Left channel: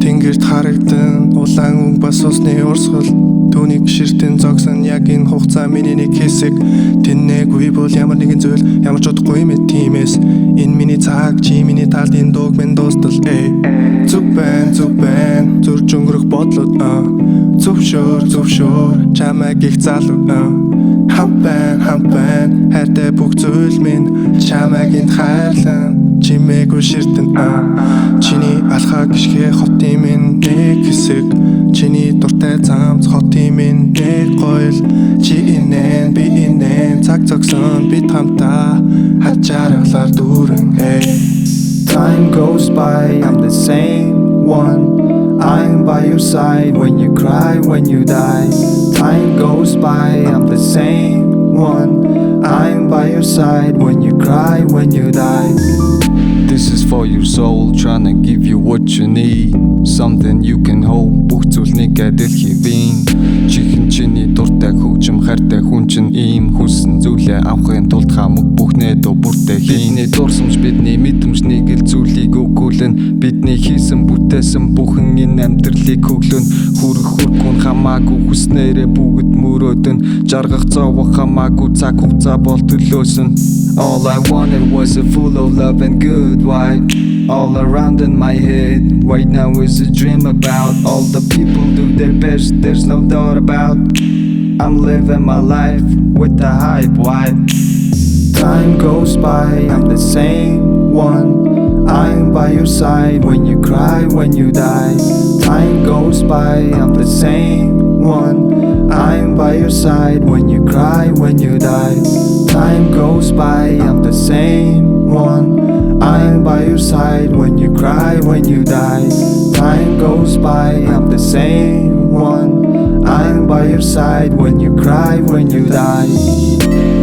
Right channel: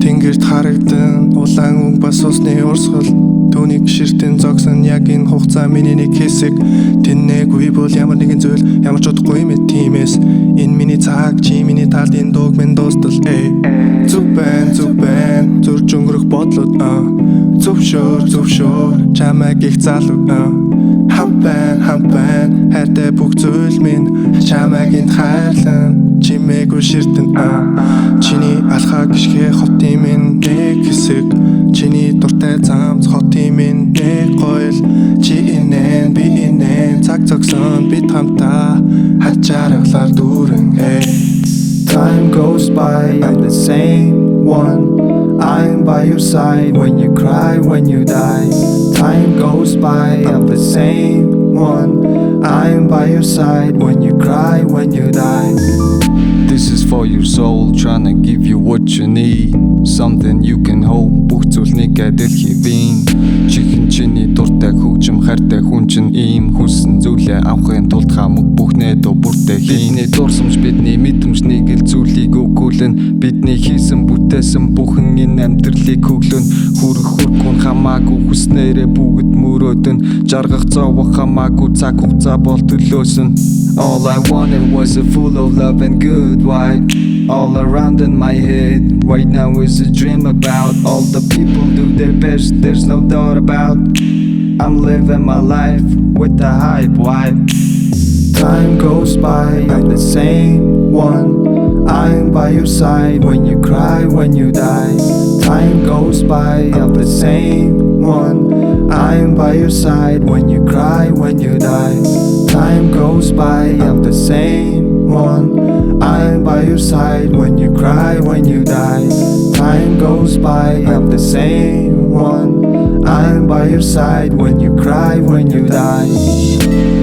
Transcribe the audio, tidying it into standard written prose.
Тэнгэрт харагдан улаан өнгө бас усны урсгал түүнийг ширтэн зогсон яг энэ хугацаа миний нэг хэсэг тэнээгүй бол ямар нэгэн зүйл ямар ч удахгүй мэд тиймээс энэ миний цаг чи миний талд энэ дууг минь дуустал зүв байна зурж өнгөрөх бодлоод зөвшөөр чамайг их залуу хамт байна хайртай бүх зүйл минь чамайг энд хайрлан чимээгүй ширтэн чиний алхаа гიშгэ хотын минь нэг хэсэг чиний дуртай замц хотын минь нэг гоёл чи инэн би инэн цаг зогсон бид хамтаа хачаархлаар дүүрэн Time goes by, I'm the same one. I'm by your side when you cry, when you die. Time goes by, I'm the same one. I'm by your side when you cry, when you die. This is for your soul, tryna give you what you need. Something you can hold, бүх зүйлнийг адил хийвэн. Чихэн чиний дуртай хөгжим хайртай хүн чинь ийм хүссэн зүйлээ авахын тулд хамаг бүхнээ дөө бүртээ хийн. Бидний дурсамж бидний мэдрэмж нэг л зүйлийг өгүүлэн. Бидний хийсэн бүтээсэн бүхэн энэ амьдралыг хөглөн. Хүрхэн хамаагүй хүснээрээ бүгд мөрөөдөн. Жаргах зовох хамаагүй цаг хугацаа бол төлөөсөн. All I wanted was a full of love and good vibe. All around in my head right now is a dream about all the people do their best, there's no doubt about. I'm living my life with the hype vibe. Time goes by, I'm the same one. I'm by your side when you cry, when you die. Time goes by, I'm the same one. I'm by your side when you cry, when you die. Time goes by, I'm the same one. I'm by your side when you cry, when you die. Time goes by, I'm the same one. I'm by your side when you cry, when you die.